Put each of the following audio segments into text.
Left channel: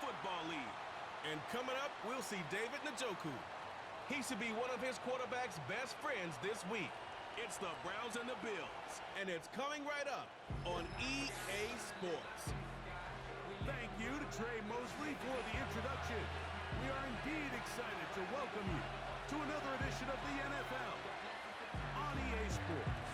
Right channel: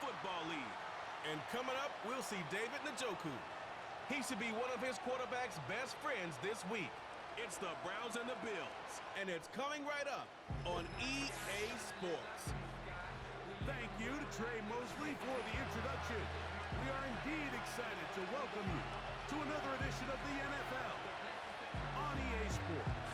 Football League. And coming up, we'll see David Njoku. He should be one of his quarterback's best friends this week. It's the Browns and the Bills, and it's coming right up on EA Sports. Thank you to Trey Mosley for the introduction. We are indeed excited to welcome you to another edition of the NFL on EA Sports.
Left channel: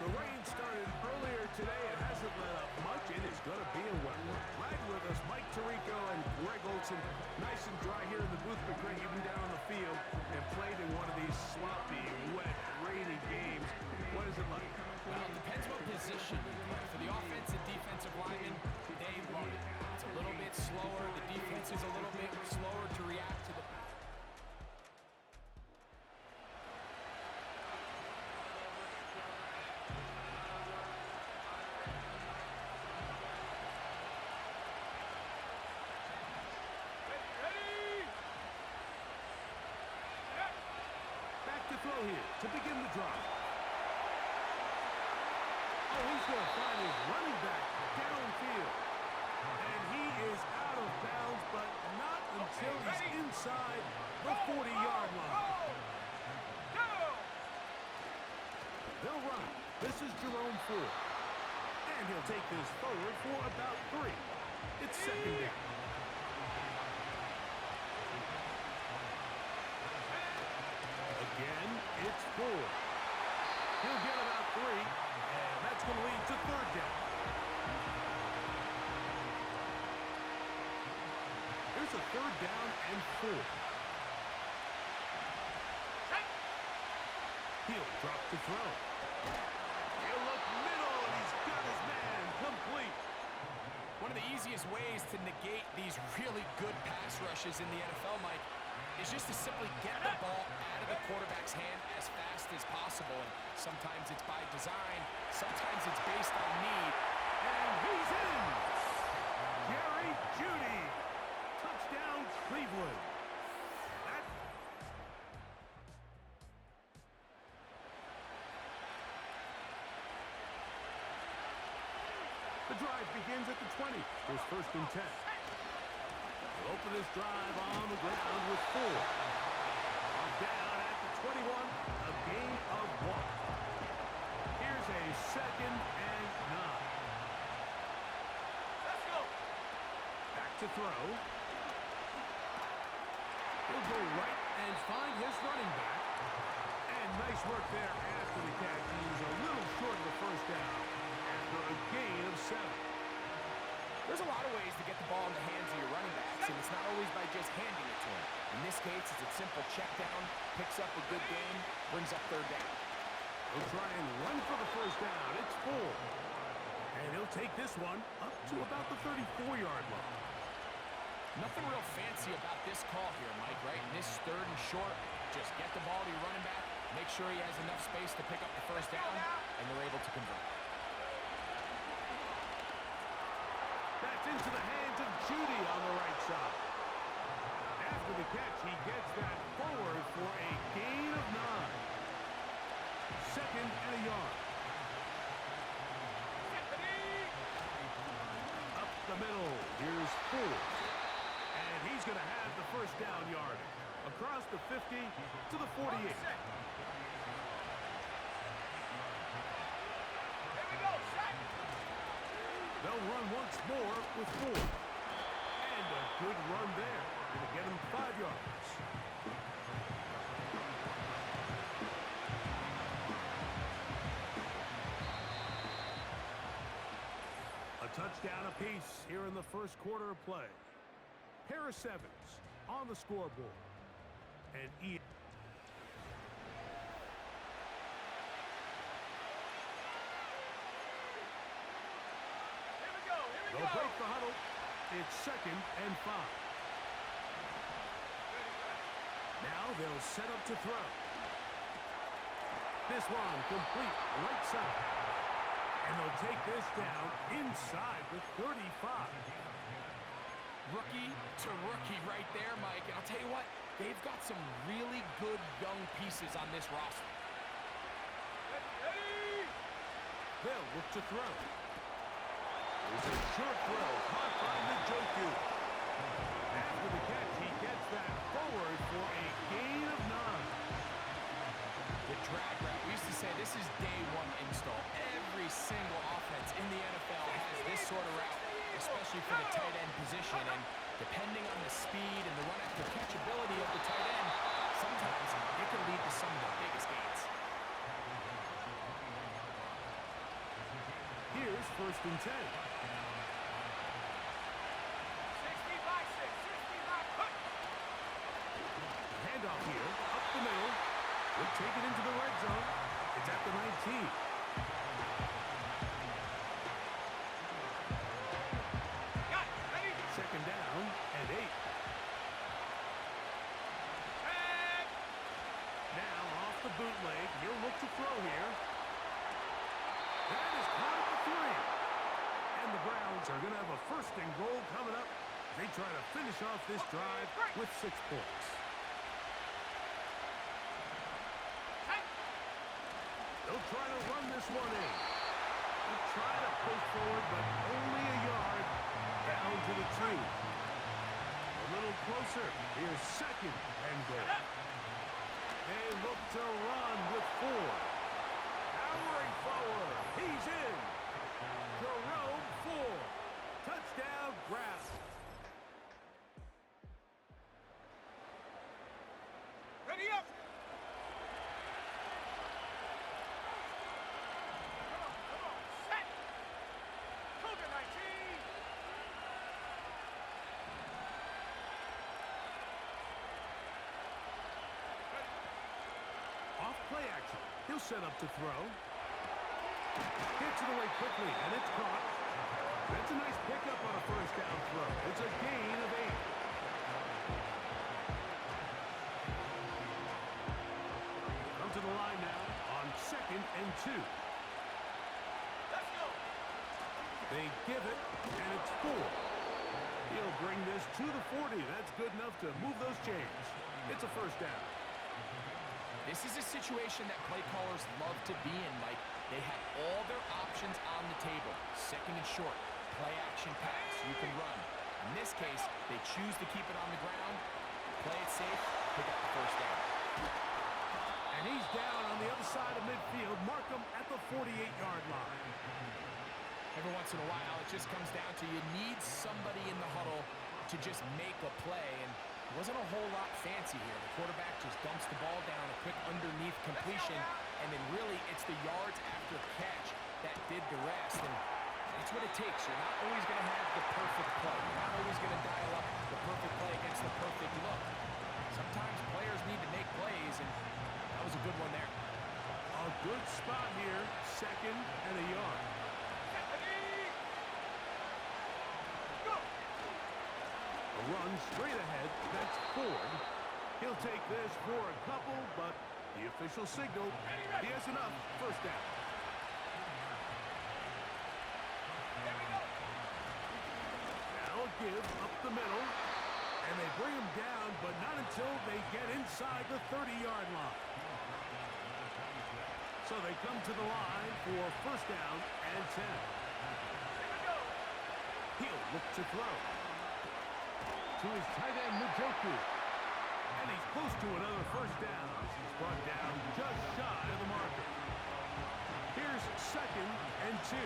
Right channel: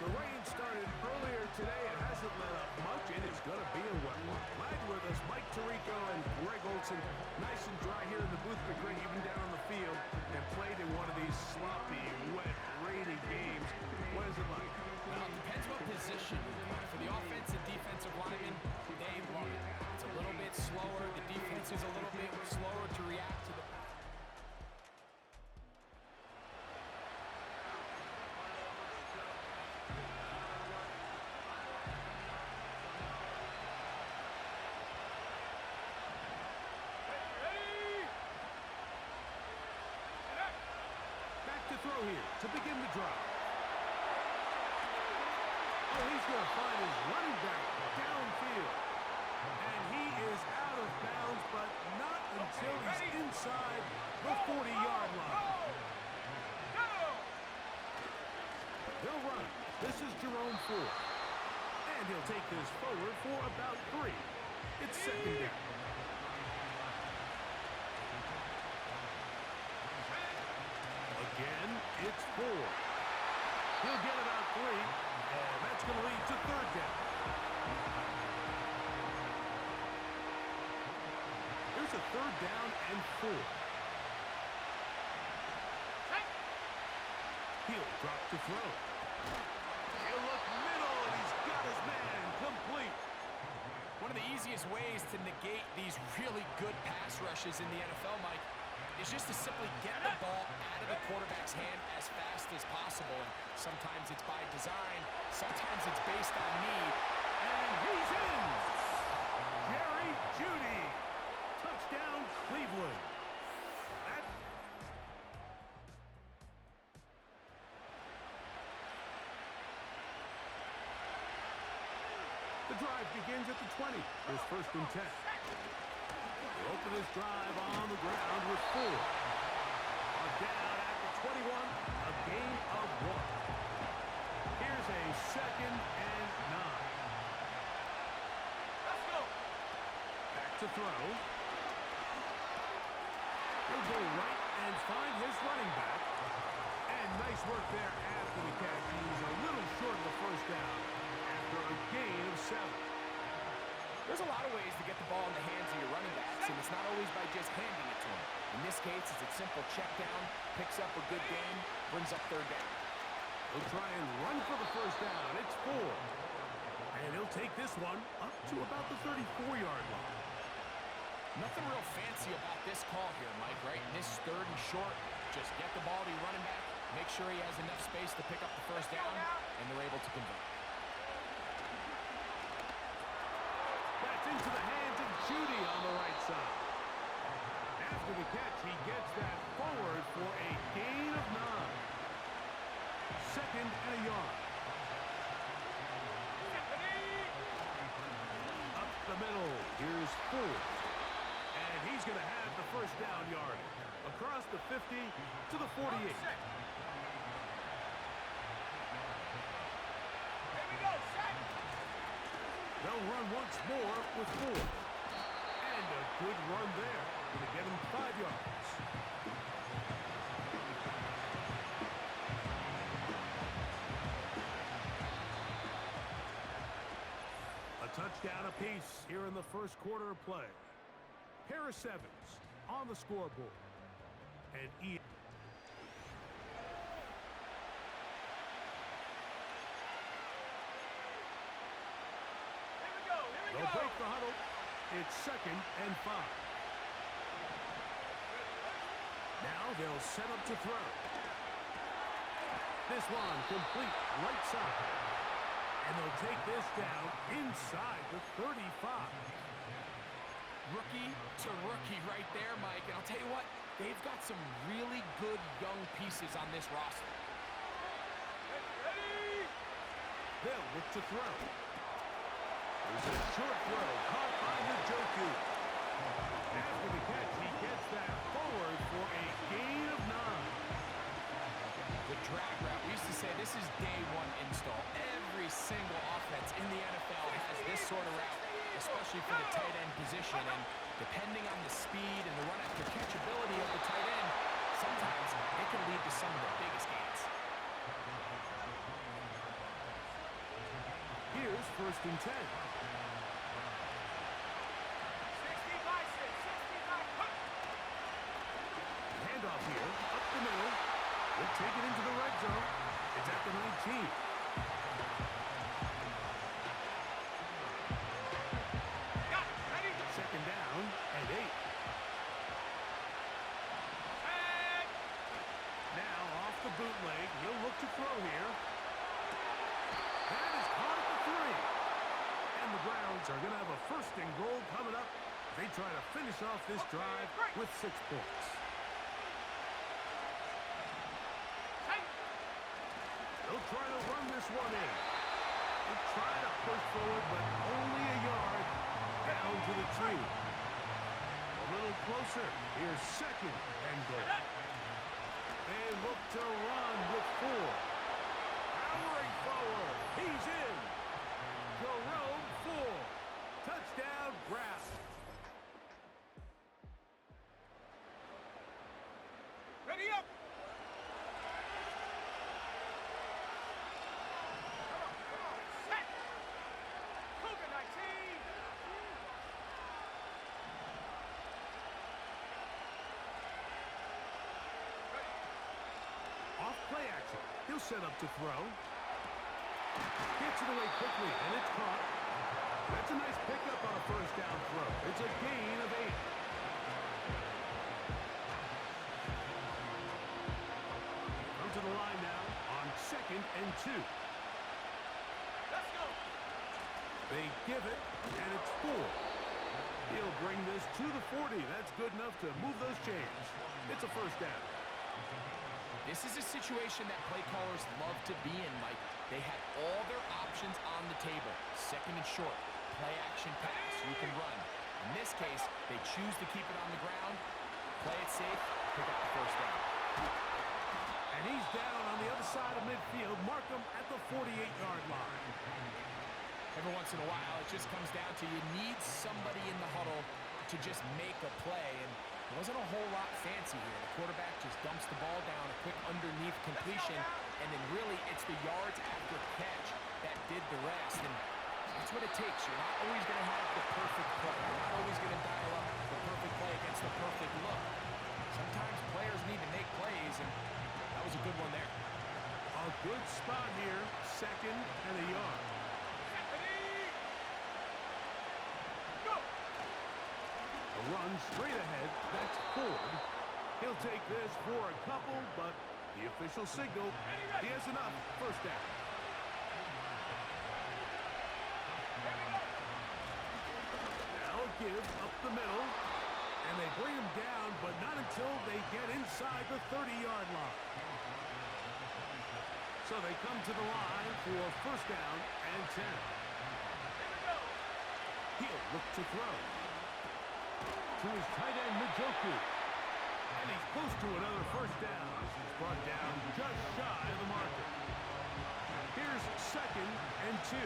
The rain started earlier today. It hasn't let up much. It is going to be a wet one. Glad with us, Mike Tirico and Greg Olson. Nice and dry here in the booth, but Greg, you've been down on the field and played in one of these sloppy, wet, rainy games. What is it like? Well, it depends what position you play. For the offense and defensive linemen, they love it. It's a little bit slower. The defense is a little bit slower to react to the... Back to throw here to begin the drive. Oh, he's going to find his running back downfield. And he is out of bounds, but not until he's inside the 40-yard line. They'll run. This is Jerome Ford. And he'll take this forward for about 3. It's second down. Again, it's 4. He'll get about 3, and that's going to lead to third down. Here's a third down and 4. He'll drop to throw. He'll look middle, and he's got his man complete. One of the easiest ways to negate these really good pass rushes in the NFL, Mike, is just to simply get the ball out of the quarterback's hand as fast as possible. And sometimes it's by design, sometimes it's based on need. And he's in! Jerry Jeudy. Touchdown, Cleveland. The drive begins at the 20. Here's first and 10. He'll open his drive on the ground with 4. On down at the 21, a gain of 1. Here's a second and 9. Let's go. Back to throw. He'll go right and find his running back. And nice work there after the catch. He's a little short of the first down after a gain of 7. There's a lot of ways to get the ball in the hands of your running backs, and it's not always by just handing it to them. In this case, it's a simple check down, picks up a good gain, brings up third down. He'll try and run for the first down. It's 4. And he'll take this one up to about the 34-yard line. Nothing real fancy about this call here, Mike, right? In this third and short, just get the ball to your running back, make sure he has enough space to pick up the first down, and they're able to convert. That's into the hands of Jeudy on the right side. After the catch, he gets that forward for a gain of 9. Second and a yard. Up the middle, here's Ford. And he's going to have the first down yardage. Across the 50 to the 48. Here we go, set. They'll run once more with 4. And a good run there. Going to get him 5 yards. A touchdown apiece here in the first quarter of play. Pair of 7s on the scoreboard. And Here we go. They'll break the huddle. It's second and 5. Now they'll set up to throw. This one complete right side. And they'll take this down inside the 35. Rookie to rookie right there, Mike. And I'll tell you what, they've got some really good young pieces on this roster. Ready? They'll look to throw. There's a short throw caught by Njoku. this is day one install. Every single offense in the NFL has this sort of route, especially for the tight end position. And depending on the speed and the run after catch ability of the tight end, sometimes it can lead to some of the biggest gains. Here's 1st and 10. 60 by 6, 60 by... Handoff here, up the middle. We'll take it into the red zone. It's at the 19. Got it, ready? 2nd down and 8. Set. Now off the bootleg, he'll look to throw here. That is caught at the 3. And the Browns are going to have a 1st and goal coming up. They try to finish off this drive with 6 points. They'll try to run this one in. They'll try to push forward, but only a yard down to the 2. A little closer. Here's 2nd and goal. They look to run with 4. Powering forward. He's in. Jerome 4. Touchdown, Browns. Ready up. Come on, set. Cougar 19. Ready. Off play action. He'll set up to throw. Gets it away quickly, and it's caught. That's a nice pickup on a 1st down throw. It's a gain of 8. Come to the line now on 2nd and 2. Let's go. They give it, and it's 4. He'll bring this to the 40. That's good enough to move those chains. It's a 1st down. This is a situation that play callers love to be in, Mike. They have all their options on the table. 2nd and short, play action pass, you can run. In this case, they choose to keep it on the ground, play it safe, pick up the 1st down. And he's down on the other side of midfield. Mark him at the 48-yard line. Every once in a while, it just comes down to you need somebody in the huddle to just make a play, and it wasn't a whole lot fancy here. The quarterback just dumps the ball down, a quick underneath completion, and then really it's the yards after catch that did the rest. And that's what it takes. You're not always going to have the perfect play. You're not always going to dial up the perfect play against the perfect look. Sometimes players need to make plays, and that was a good one there. A good spot here, 2nd and a yard. Ready. Go. A run straight ahead, that's Ford. He'll take this for a couple, but the official signal, he has enough. 1st down. Here we go. Now a give up the middle, and they bring him down, but not until they get inside the 30-yard line. So they come to the line for 1st down and 10. Here we go. He'll look to throw. To his tight end, Njoku. And he's close to another 1st down as he's brought down just shy of the marker. Here's 2nd and 2.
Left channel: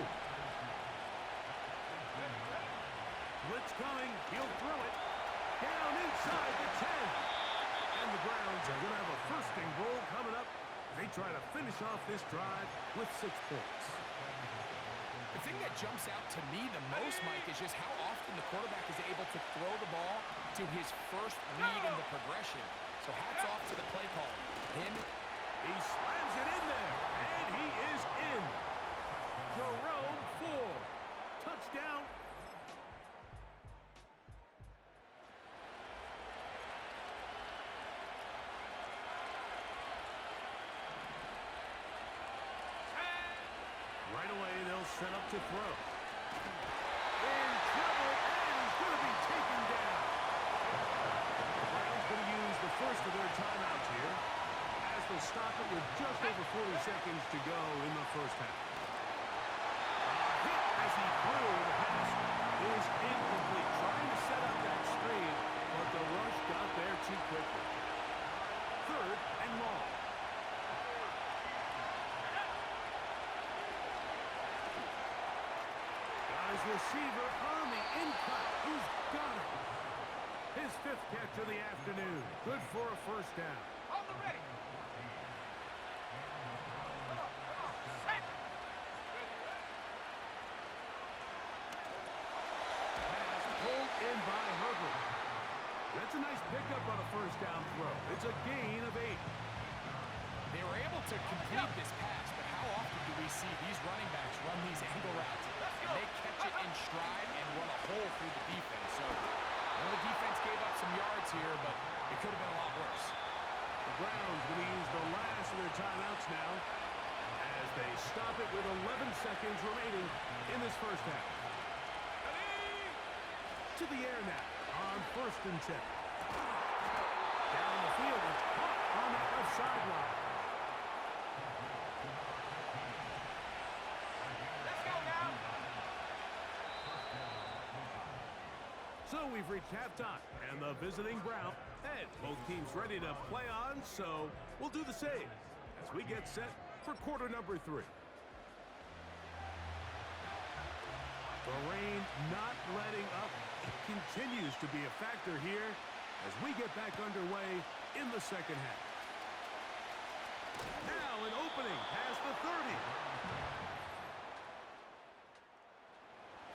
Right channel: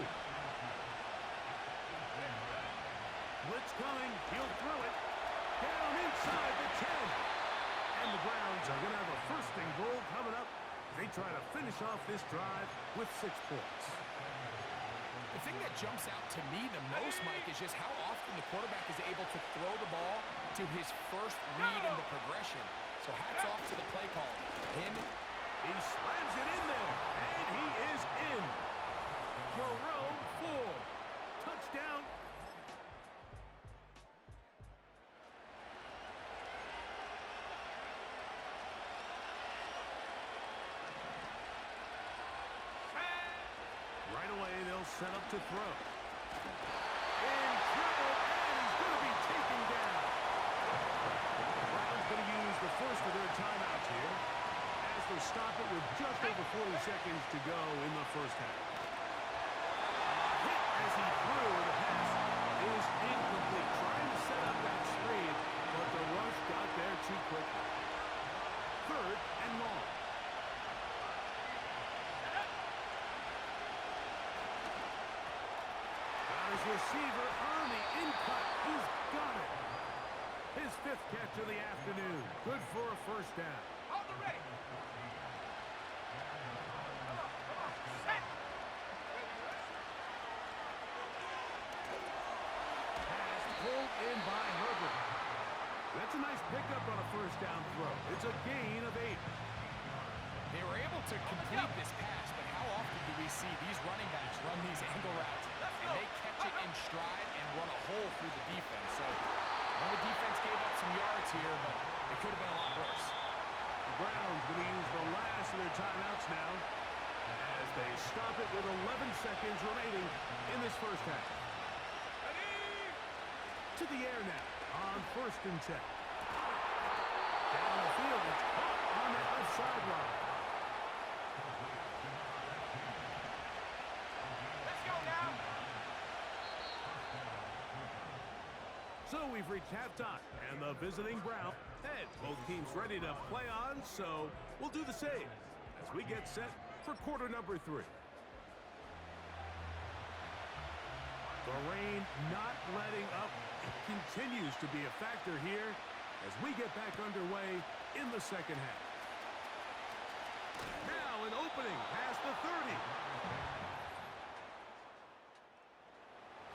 Blitz coming. He'll throw it. Down inside the 10. And the Browns are going to have a 1st and goal coming up. They try to finish off this drive with 6 points. The thing that jumps out to me the most, Mike, is just how often the quarterback is able to throw the ball to his first read in the progression. So hats off to the play caller. Him. He slams it in there, and he is in. Jerome 4. Touchdown. Right away, they'll set up to throw. In trouble, and he's going to be taken down. The Browns going to use the first of their timeouts here as they'll stop it with just over 40 seconds to go in the 1st half. A hit as he threw. The pass is incomplete. Trying to set up that screen, but the rush got there too quickly. 3rd and long. receiver on the in-cut. He's got it. His 5th catch of the afternoon. Good for a first down. On the ready. Come on. Set. Ready. Pass pulled in by Herbert. That's a nice pickup on a first down throw. It's a gain of 8. They were able to complete this pass, but how often do we see these running backs run these angle routes and they catch it in stride and run a hole through the defense? So I know the defense gave up some yards here, but it could have been a lot worse. The Browns going to use the last of their timeouts now as they stop it with 11 seconds remaining in this first half. Ready. To the air now on 1st and 10. Down the field, it's caught on that left sideline. Let's go now. So we've reached halftime, and the visiting Browns head. Both teams ready to play on, so we'll do the same as we get set for quarter number 3. The rain not letting up. It continues to be a factor here as we get back underway in the second half. Now an opening past the 30.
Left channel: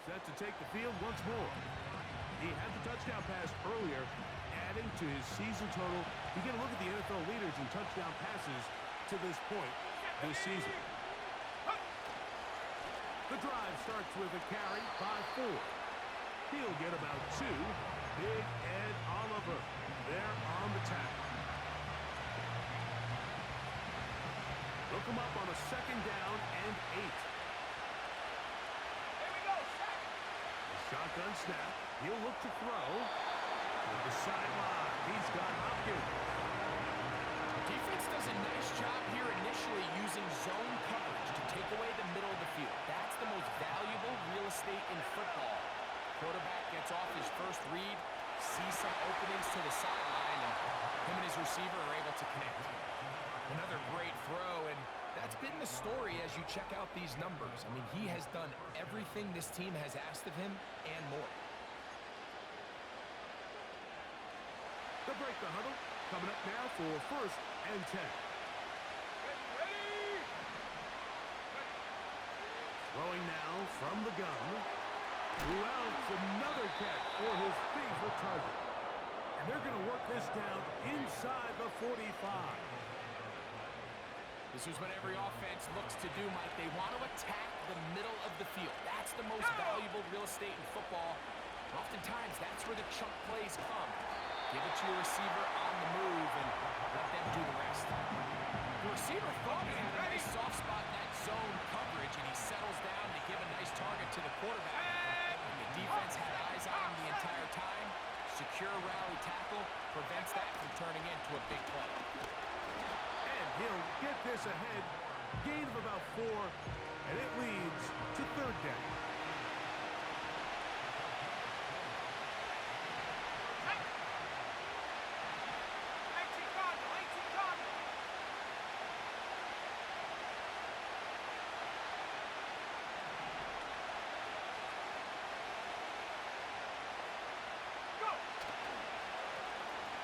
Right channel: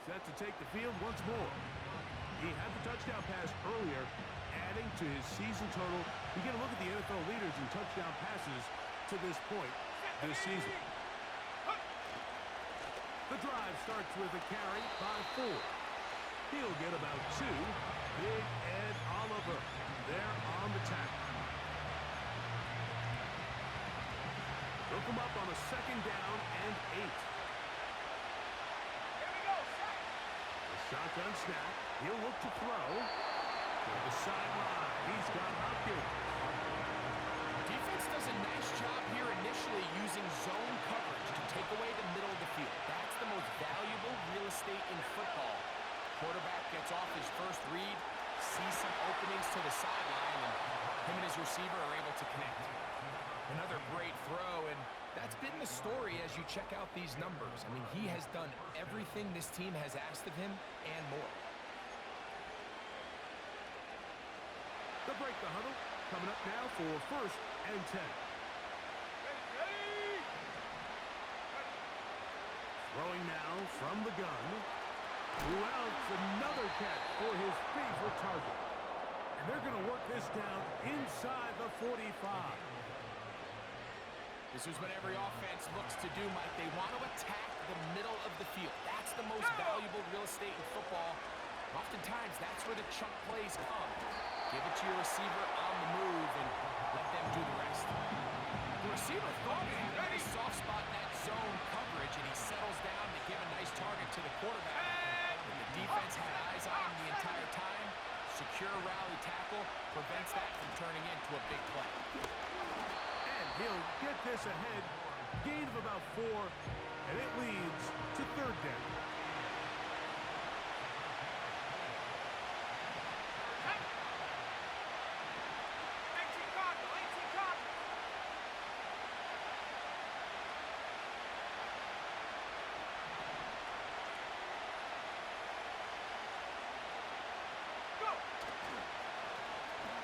Set to take the field once more. He had the touchdown pass earlier, adding to his season total. You get a look at the NFL leaders in touchdown passes to this point this season. The drive starts with a carry by 4. He'll get about 2. Big Ed Oliver there on the tackle. They'll come up on a 2nd down and 8. Here we go. Set. The shotgun snap. He'll look to throw. To the sideline. He's got Hopkins. Defense does a nice job here initially using zone coverage to take away the middle of the field. That's the most valuable real estate in football. Quarterback gets off his first read, sees some openings to the sideline, and him and his receiver are able to connect. Another great throw, and that's been the story as you check out these numbers. I mean, he has done everything this team has asked of him and more. They'll break the huddle. Coming up now for 1st and 10. Ready. Throwing now from the gun. Who else? Another catch for his favorite target. And they're going to work this down inside the 45. This is what every offense looks to do, Mike. They want to attack the middle of the field. That's the most valuable real estate in football. Oftentimes, that's where the chunk plays come. Give it to your receiver on the move and let them do the rest. The receiver thought he had a nice soft spot in that zone coverage, and he settles down to give a nice target to the quarterback. And the defense had eyes on him the entire time. Secure rally tackle prevents that from turning into a big play. And he'll get this ahead. Gain of about 4, and it leads to 3rd down.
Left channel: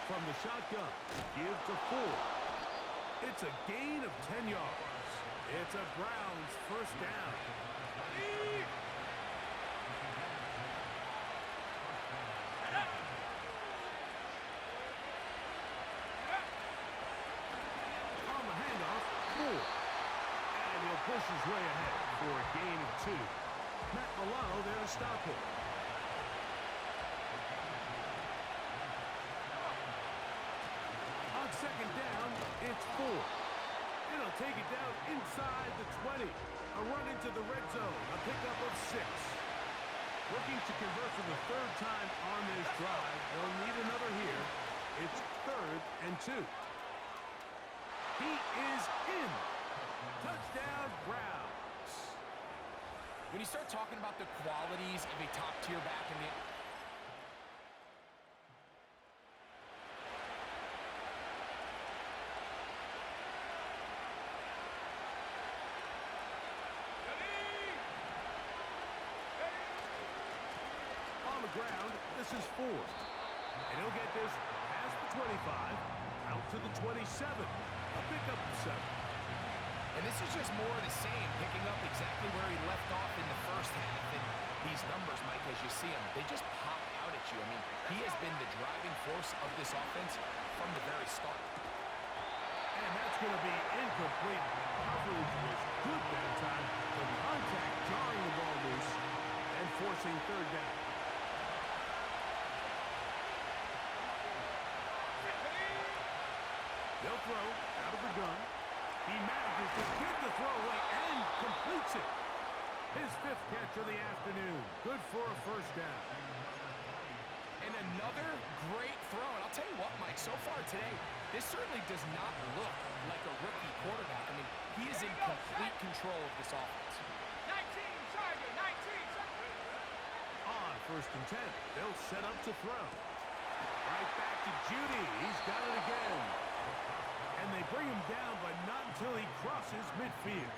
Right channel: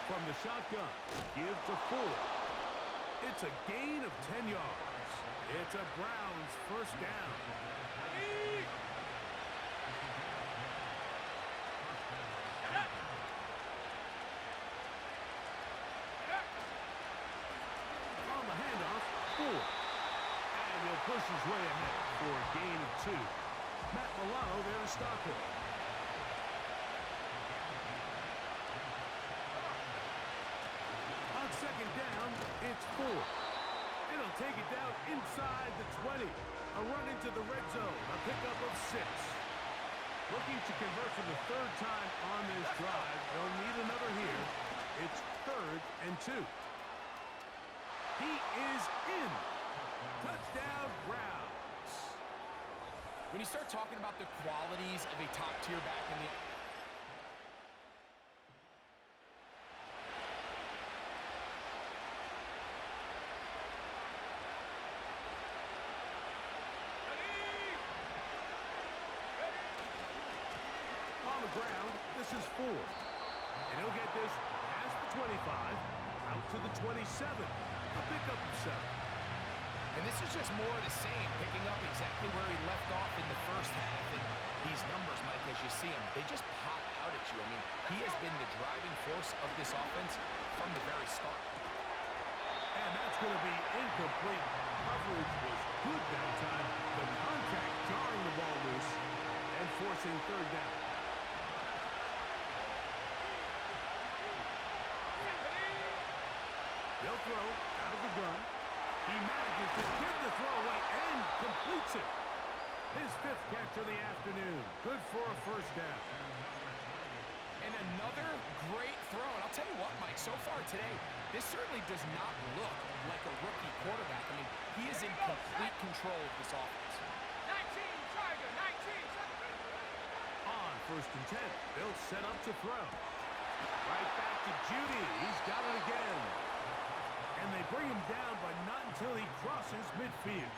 From the shotgun, give to 4. It's a gain of 10 yards. It's a Browns first down. On the handoff, 4. And he'll push his way ahead for a gain of 2. Matt Milano there to stop him. On 2nd down, it's 4. It'll take it down inside the 20. A run into the red zone, a pickup of 6. Looking to convert for the 3rd time on this drive. They'll need another here. It's 3rd and 2. He is in. Touchdown, Browns. When you start talking about the qualities of a top-tier back in the... This is fourth. And he'll get this past the 25, out to the 27. A pickup of 7. And this is just more of the same, picking up exactly where he left off in the first half. And these numbers, Mike, as you see them, they just pop out at you. I mean, he has been the driving force of this offense from the very start. And that's going to be incomplete. Coverage was good that time. The contact jarring the ball loose and forcing third down. They'll throw out of the gun. He manages to get the throw away and completes it. His 5th catch of the afternoon. Good for a first down. And another great throw. And I'll tell you what, Mike, so far today, this certainly does not look like a rookie quarterback. I mean, he is in complete control of this offense. 19, Tiger, 19. On 1st and 10, they'll set up to throw. Right back to Judy. He's got it again. And they bring him down, but not until he crosses midfield.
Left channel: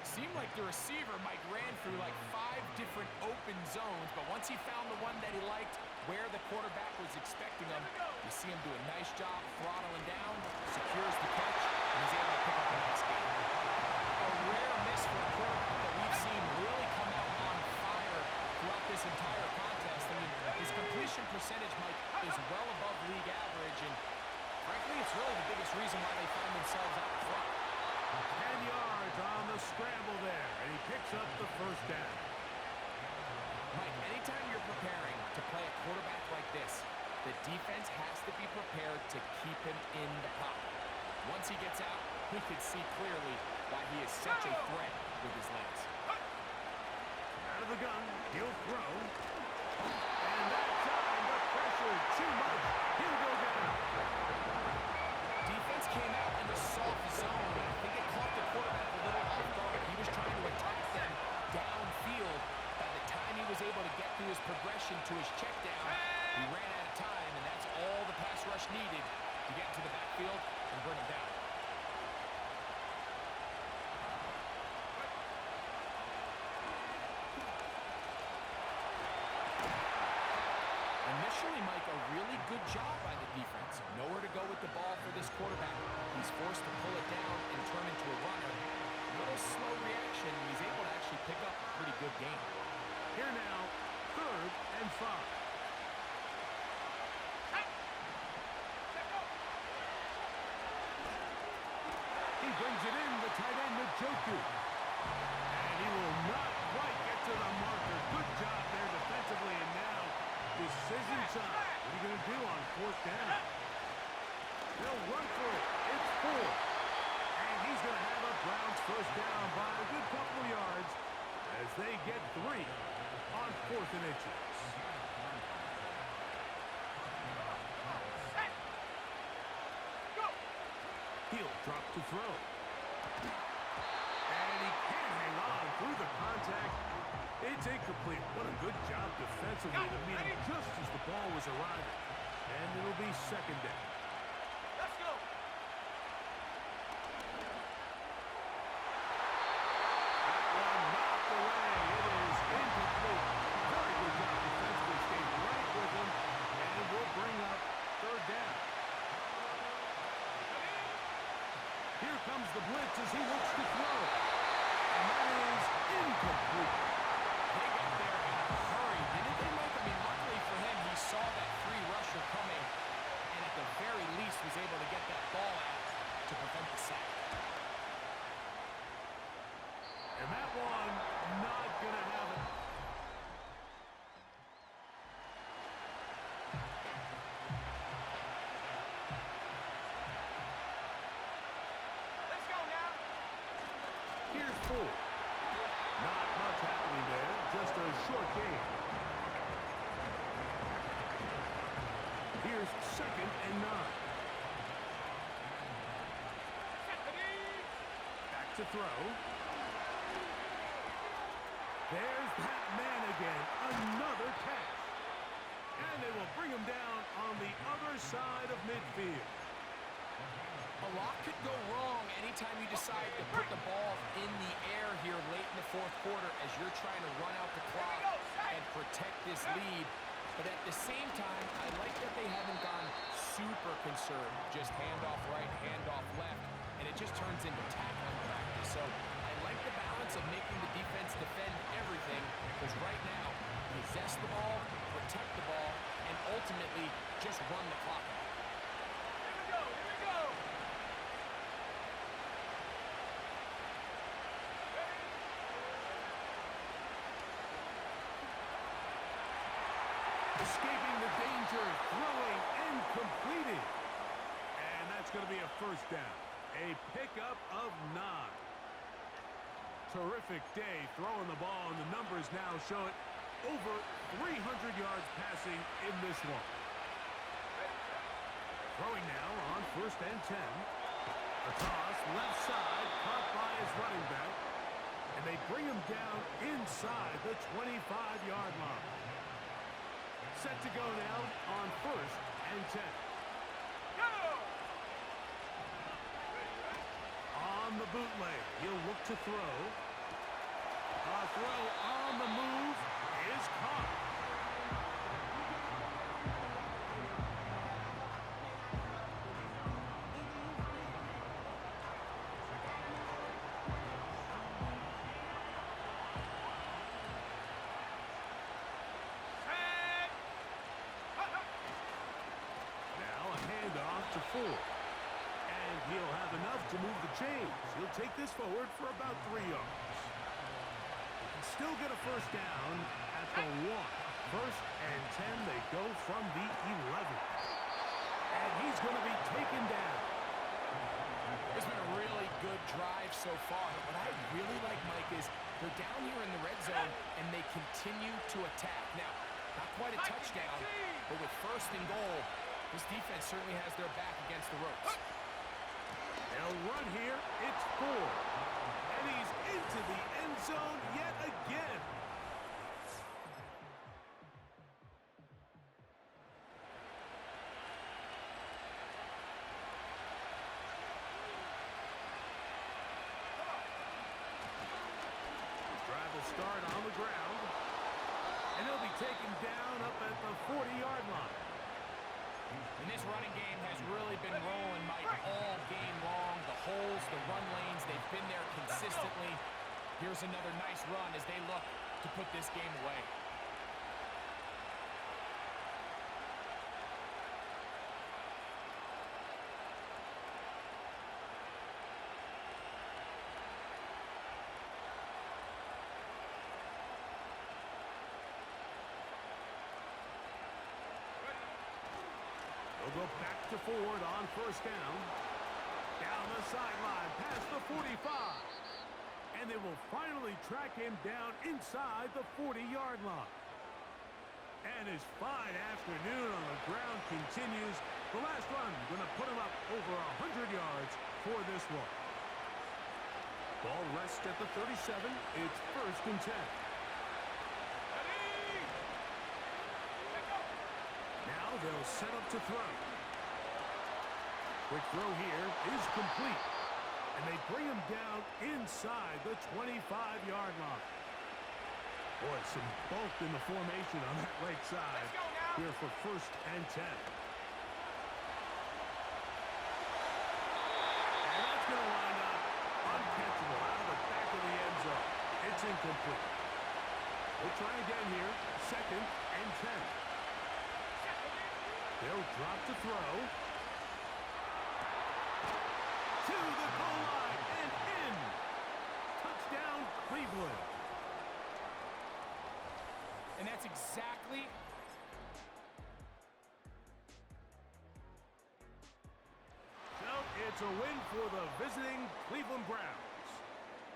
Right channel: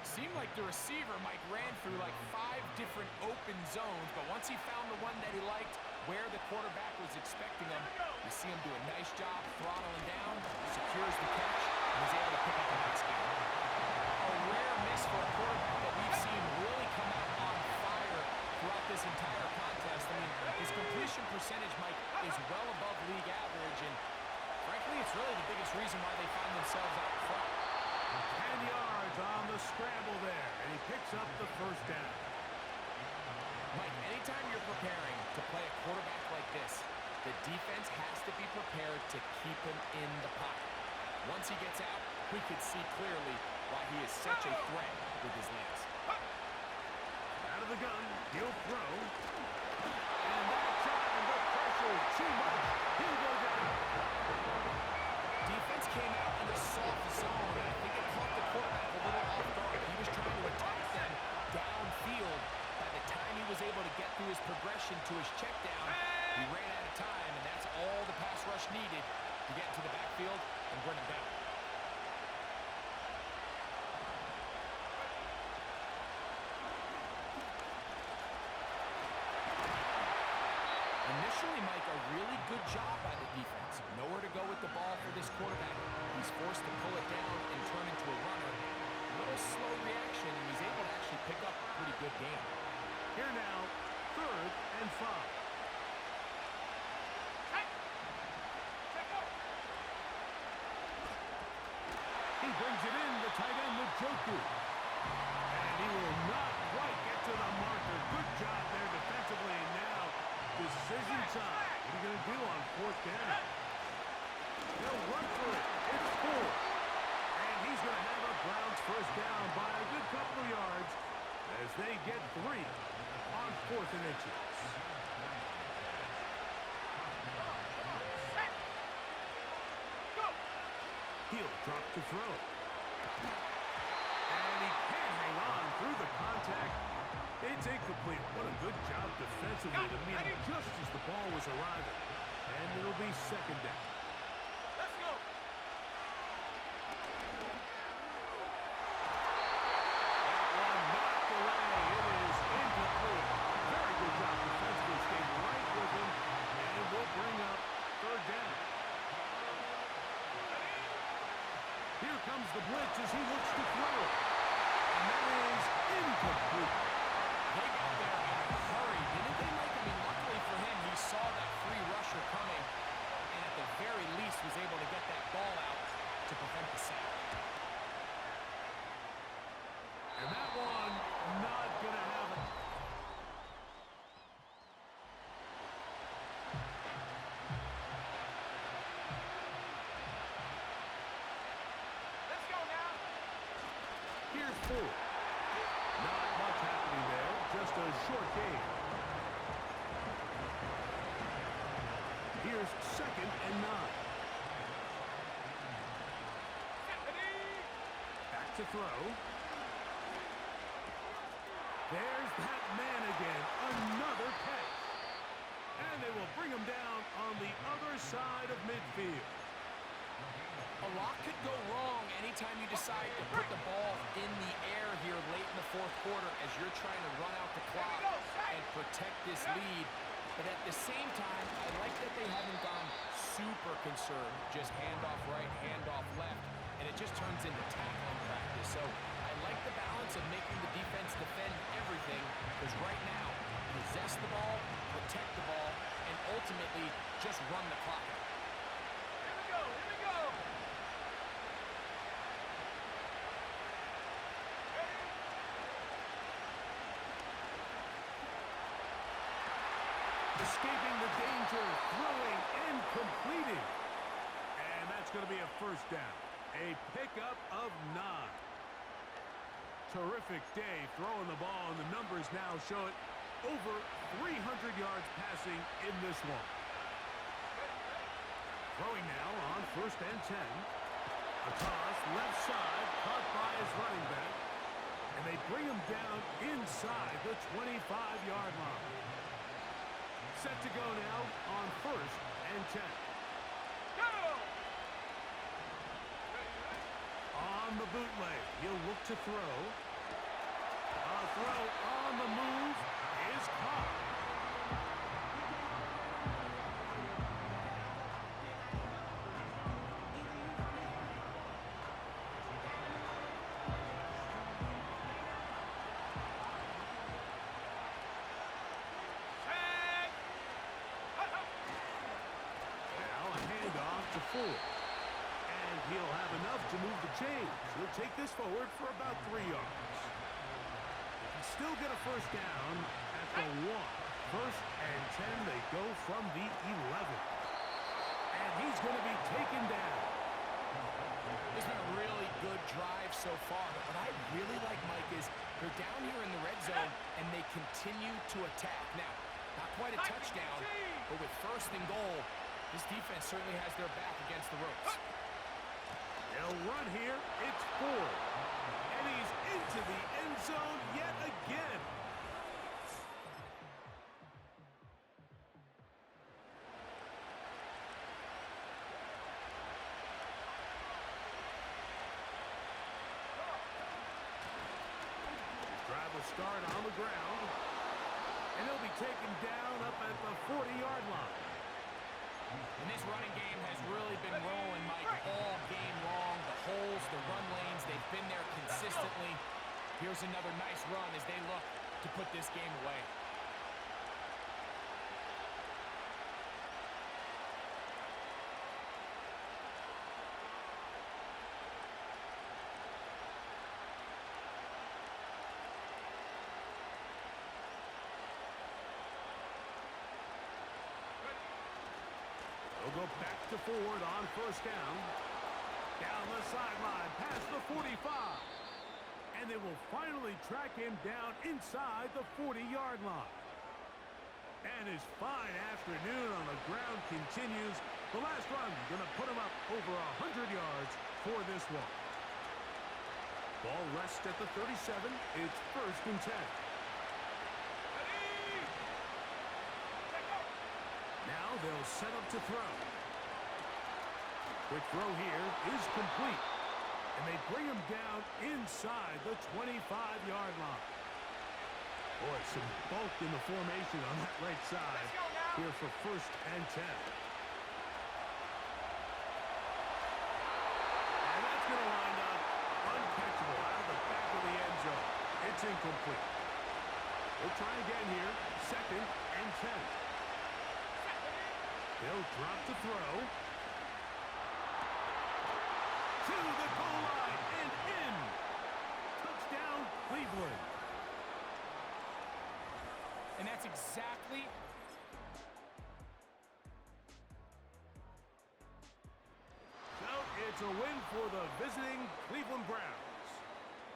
Seemed like the receiver, Mike, ran through like 5 different open zones, but once he found the one that he liked, where the quarterback was expecting him, you see him do a nice job throttling down, secures the catch, and he's able to pick up a nice game. A rare miss for a quarterback that we've seen really come out on fire throughout this entire contest. I mean, his completion percentage, Mike, is well above league average, and frankly, it's really the biggest reason why they find themselves out in front. 10 yards on the scramble there, and he picks up the first down. Mike, anytime you're preparing to play a quarterback like this, the defense has to be prepared to keep him in the pocket. Once he gets out, we can see clearly why he is such a threat with his legs. Out of the gun, he'll throw. And that time, the pressure too much. He'll go down. Defense came out in a soft zone, and I think it caught the quarterback a little off guard. He was trying to attack them downfield. By the time he was able to get through his progression to his check down, he ran out of time, and that's all the pass rush needed to get into the backfield and bring him down. Initially, Mike, a really good job by the defense. Nowhere to go with the ball for this quarterback. He's forced to pull it down and turn into a runner. A little slow reaction, and he's able to actually pick up a pretty good game. Here now, 3rd and 5. He brings it in, the tight end, Njoku. And he will not quite get to the marker. Good job there defensively, and now decision time. What are you going to do on 4th down? They'll run for it. It's 4. And he's going to have a Browns first down by a good couple of yards as they get 3 on 4th and inches. He'll drop to throw. And he can't hang on through the contact. It's incomplete. What a good job defensively to meet him just as the ball was arriving. And it'll be 2nd down. Let's go. That one knocked away. It is incomplete. Very good job defensively. Stayed right with him. And will bring up 3rd down. Here comes the blitz as he looks to throw. And that is incomplete. They got there in a hurry, didn't they, Mike? I mean, luckily for him, he saw that free rusher coming, and at the very least was able to get that ball out to prevent the sack. And that one not going to have it. Let's go now. Here's 4. Not much happening there. Just a short game. Here's 2nd and 9. Back to throw. There's that man again. Another catch. And they will bring him down on the other side of midfield. A lot could go wrong anytime you decide to put the ball in the air here late in the 4th quarter as you're trying to run out the clock and protect this lead. But at the same time, I like that they haven't gone super conserved. Just handoff right, handoff left, and it just turns into tackling practice. So I like the balance of making the defense defend everything, because right now, possess the ball, protect the ball, and ultimately just run the clock out. Here we go, here we go. Ready? Escaping the danger, throwing and completing. And that's going to be a first down. A pickup of 9. Terrific day throwing the ball, and the numbers now show it. Over 300 yards passing in this one. Throwing now on 1st and 10. A toss left side, caught by his running back. And they bring him down inside the 25-yard line. Set to go now on 1st and 10. Go! On the bootleg, he'll look to throw. A throw on the move is caught. Set! Hut, hut. Now a handoff to Ford. And he'll have enough to move the chains. He'll take this forward for about 3 yards. He can still get a first down at the 1. 1st and 10, they go from the 11. And he's going to be taken down. It's been a really good drive so far, but what I really like, Mike, is they're down here in the red zone, and they continue to attack. Now, not quite a touchdown, but with 1st and goal, this defense certainly has their back against the ropes. They'll run here. It's Ford. And he's into the end zone yet again. His drive will start on the ground. And he'll be taken down up at the 40-yard line. And this running game has really been rolling, Mike, all game long. The holes, the run lanes, they've been there consistently. Here's another nice run as they look to put this game away. They'll go back to Ford on 1st down. Down the sideline, past the 45. And they will finally track him down inside the 40-yard line. And his fine afternoon on the ground continues. The last run going to put him up over 100 yards for this one. Ball rests at the 37. It's 1st and 10. Ready? Check go! Now they'll set up to throw. Quick throw here is complete. And they bring him down inside the 25-yard line. Boy, some bulk in the formation on that right side. Let's go now. Here for 1st and 10. And that's going to wind up uncatchable out of the back of the end zone. It's incomplete. We'll try again here. 2nd and 10. They'll drop to throw. To the goal line and in. Touchdown, Cleveland. And that's exactly... So it's a win for the visiting Cleveland Browns.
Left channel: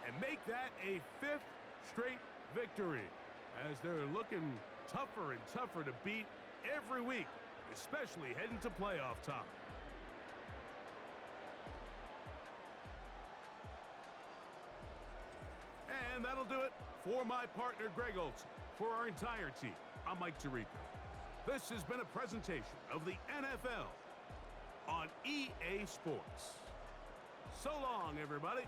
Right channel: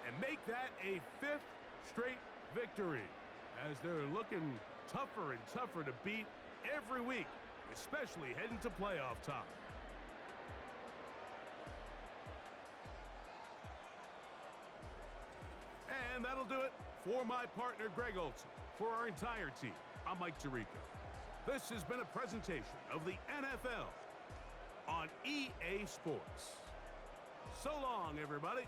And make that a 5th straight victory, as they're looking tougher and tougher to beat every week, especially heading to playoff time. And that'll do it for my partner, Greg Olson. For our entire team, I'm Mike Tirico. This has been a presentation of the NFL on EA Sports. So long, everybody.